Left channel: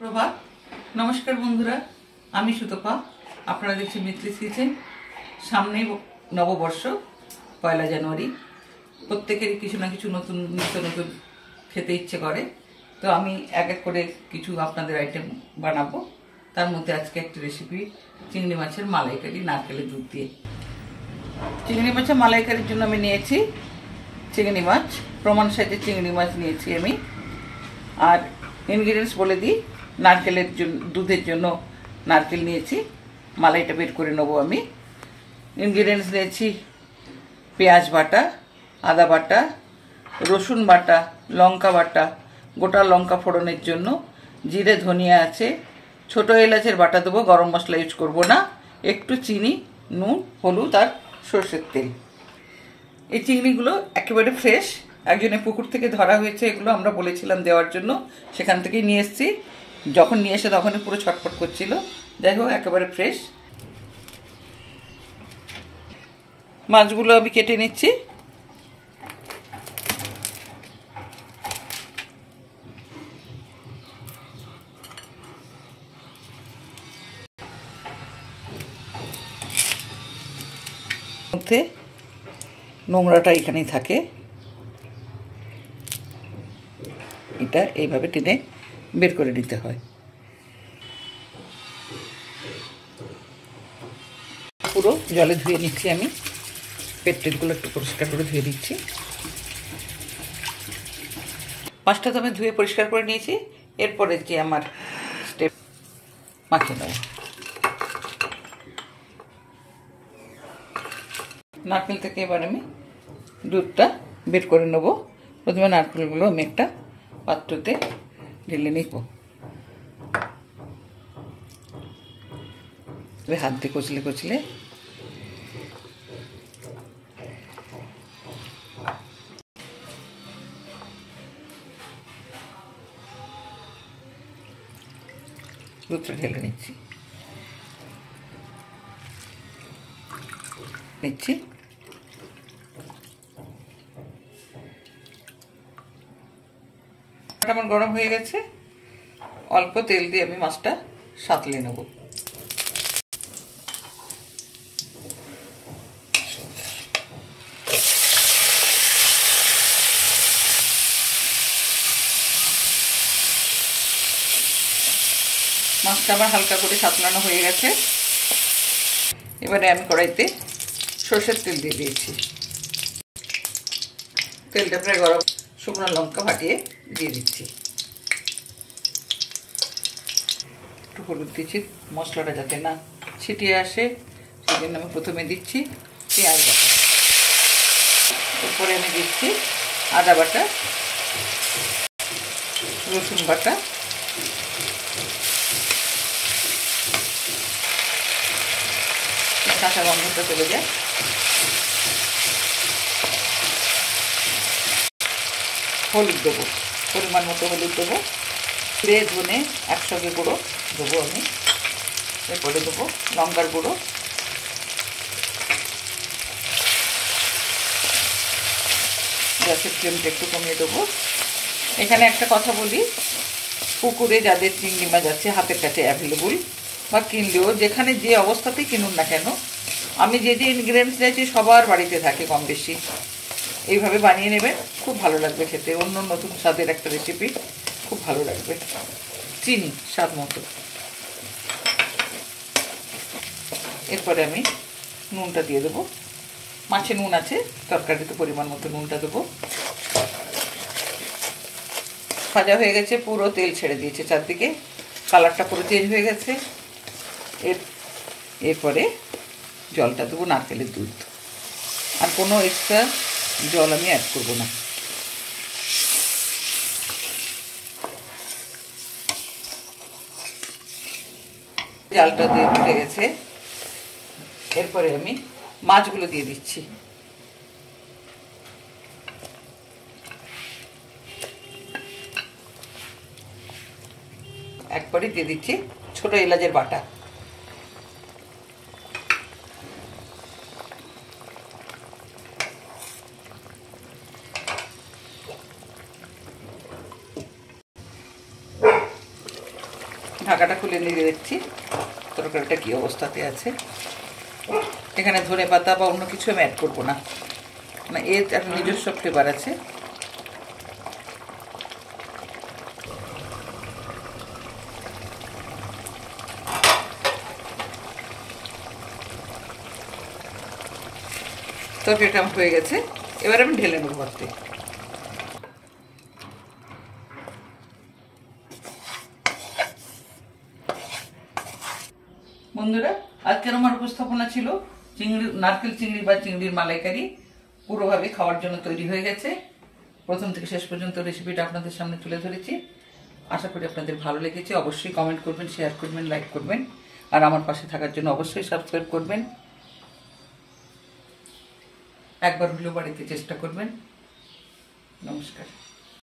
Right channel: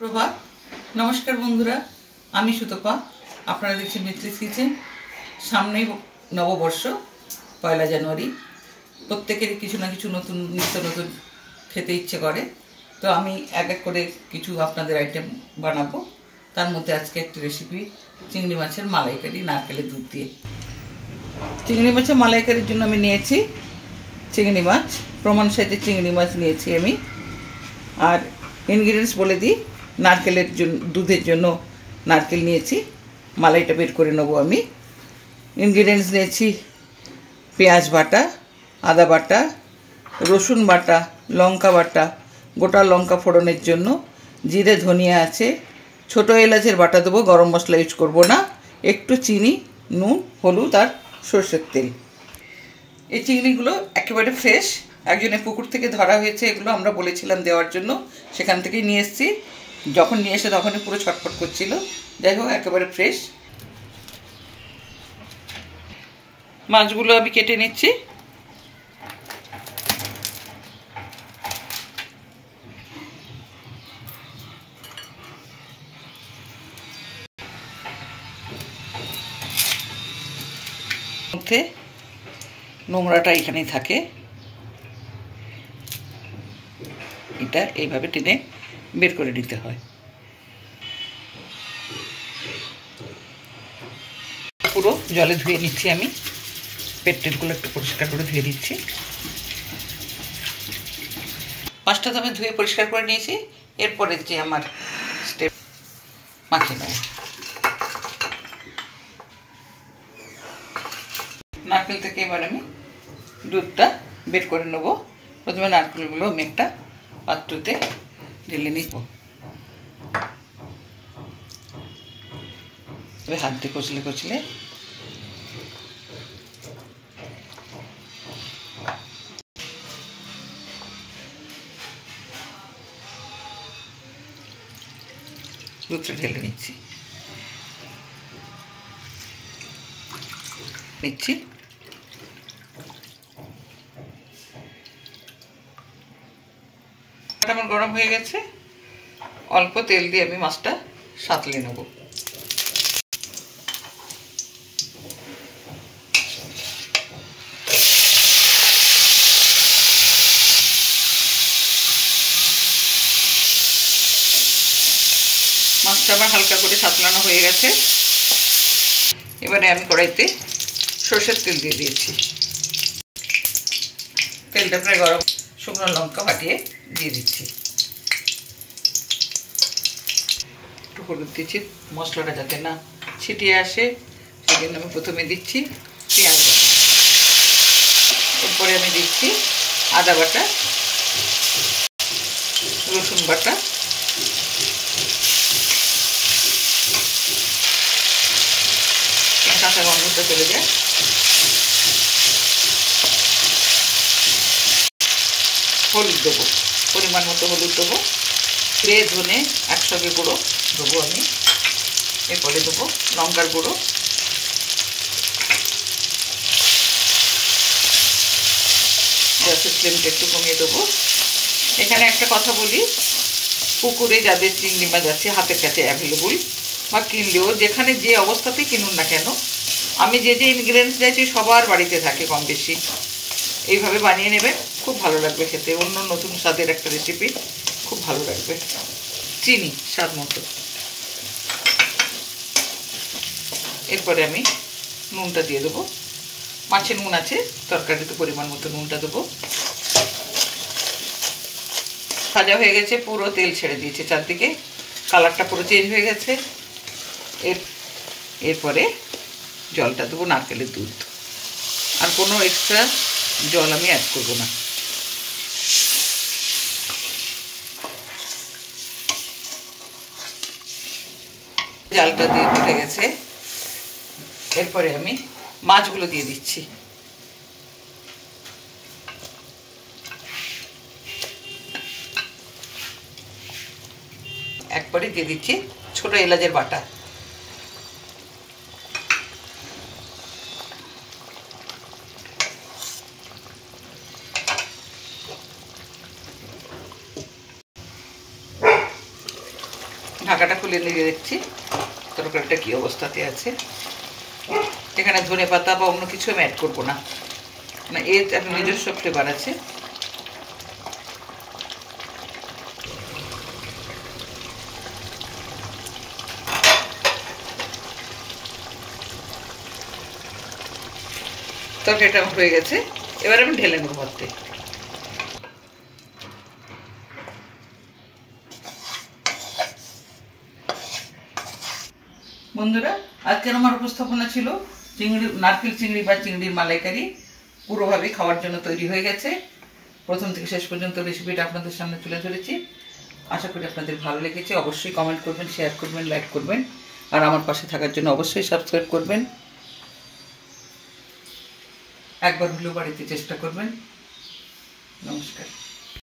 প্রভাত নমস্কার বন্ধুরা, আমি সুতপা। আপনারা দেখছেন মিত্রিস কিচেন। সামনেই নববর্ষ, 1 জানুয়ারি। প্রত্যেকেরই কিছু না কিছু নতুন নিত্য নতুন খেতে ইচ্ছে করে। তো আমি এক এক করে কিছু আপনাদের আইটেম বানাবো। তার মধ্যে আজকে একটা রেসিপি চিংড়ি মাছের মালাইকারি নারকেলের দুধ দিয়ে। চিংড়ি মাছের মালাইকারির জন্য আমি নিয়েছি চিংড়ি মাছ, প্রমাণ সাইজের চিংড়ি মাছ নিয়েছি আমি। আর ইনগ্রিডিয়েন্টস বলে দিই, নারকেলের জন্য, দুধের জন্য নারকেল নিয়েছি, মালাইটা বের করে নেবো আমি। ইনগ্রিডিয়েন্টস নিয়েছি পেঁয়াজ বাটা, আদা বাটা, রসুন বাটা, লঙ্কা বাটা, গোটা লঙ্কা ফোড়নের জন্য, জিরে ধনিয়া আছে, ছোটো এলাচের বাটা দেবো, গরম মশলা ইউজ করবো না, একটু চিনি, নুন, হলুদ আর সর্ষের তেল। এই চিংড়িগুলো একেবারে ফ্রেশ, একজনের পুকুর থেকে ধরা হয়েছে। এগুলো আমরা বলেছিলাম দেওয়ার জন্য, সেখান থেকেই নিয়ে এসেছি। যখন নিয়ে এসে তখনই পুরো ছটফট করছিল। যাই হোক, একেবারে ফ্রেশ। মাছগুলো আমি কেটে নিচ্ছি। মধ্যে নোংরাটা এখানেই থাকে, এটা এইভাবে টেনে বের করে নিতে হয়। পুরো জলে ধুয়ে নিচ্ছি আমি, পেটগুলো একটু পরিষ্কার করে ধুয়ে দিচ্ছি। মাছটা তো আমি ধুয়ে পরিষ্কার করে নিয়েছি। এরপরে যে আমার স্টেপ, মাখিয়ে নেব। নারকেল থেকে এবার আমি দুধটা বের করে নেব। প্রথমে নারকেলগুলো আমি একটা পাত্রতে ঢেলে নিব। হাত দিয়ে কচলে কচলে দুধটা ঢেলে নিচ্ছি। আমার গরম হয়ে গেছে, অল্প তেল দিয়ে আমি মাছটা সাঁতলে নেব। মাছটা আবার হালকা করে সাঁতলানো হয়ে গেছে। এবারে আমি কড়াইতে সরষের তেল দিয়ে দিয়েছি। তেলটা প্রায় গরম, শুকনো লঙ্কা ফাটিয়ে দিয়ে দিচ্ছি। একটু হলুদ দিচ্ছি, মশলাটা যাতে না ছিটিয়ে আসে সেজন্য আমি প্রথমে দিচ্ছি পেঁয়াজ বাটা। এরপরে আমি দিচ্ছি আদা বাটা, রসুন বাটা, কাঁচা গন্ধটা চলে যায়। হলুদ দেবো, পরিমাণ মতো হলুদ দেবো। জিরে ধনে একসঙ্গে গুঁড়ো দেবো আমি। এরপরে দেবো লঙ্কার গুঁড়ো, গ্যাসের ফ্লেমটা একটু কমিয়ে দেবো। এখানে একটা কথা বলি, পুকুরে যাদের চিংড়ি মাছ আছে হাতের কাছে অ্যাভেলেবল, বা কিনলেও যেখানে যে অবস্থাতেই কিনুন না কেন, আমি যে যে ইনগ্রিডিয়েন্টস দিয়েছি সবার বাড়িতে থাকে কম বেশি। এইভাবে বানিয়ে নেবেন, খুব ভালো লাগবে খেতে। অন্য নতুন স্বাদের একটা রেসিপি, খুব ভালো লাগবে। চিনি স্বাদ মতো। এরপরে আমি নুনটা দিয়ে দেবো। মাছে নুন আছে, তরকারিতে পরিমাণ মতো নুনটা দেবো। ভাজা হয়ে গেছে, পুরো তেল ছেড়ে দিয়েছে চারদিকে, কালারটা পুরো চেঞ্জ হয়ে গেছে। এরপরে জলটা দেবো, নারকেলের দুধ। আর কোনো এক্সট্রা জল আমি অ্যাড করবো না। জালটা দিয়ে উঠে গেছে। এরপরে আমি মাছগুলো দিয়ে দিচ্ছি। একবারে দিয়ে দিচ্ছি ছোটো এলাচের বাটা। ঢাকাটা খুলে নিয়ে দেখছি তরকারিটা কী অবস্থাতে আছে। এখানে ধনে পাতা বা অন্য কিছু আমি অ্যাড করবো না, মানে এর একটা নিজস্ব ফ্লেভার আছে। তরকারিটা আমার হয়ে গেছে, এবার আমি ঢেলে নেবো ভাতে। বন্ধুরা, আজকের আমার উপস্থাপনা ছিল নারকেল চিংড়ি বা চিংড়ির মালাইকারি। পুরোভাবে খাওয়ার জন্য তৈরি হয়ে গেছে। প্রথম থেকে শেষ পর্যন্ত রেসিপিটা আপনাদের সামনে তুলে ধরেছি। আশা করি আপনাদের ভালো লেগেছে। অবশ্যই কমেন্ট করবেন, শেয়ার করবেন, লাইক করবেন, আর আমার পাশে থাকার জন্য অবশ্যই সাবস্ক্রাইব করবেন। একবার হলেও বাড়িতে চেষ্টা করবেন। নমস্কার।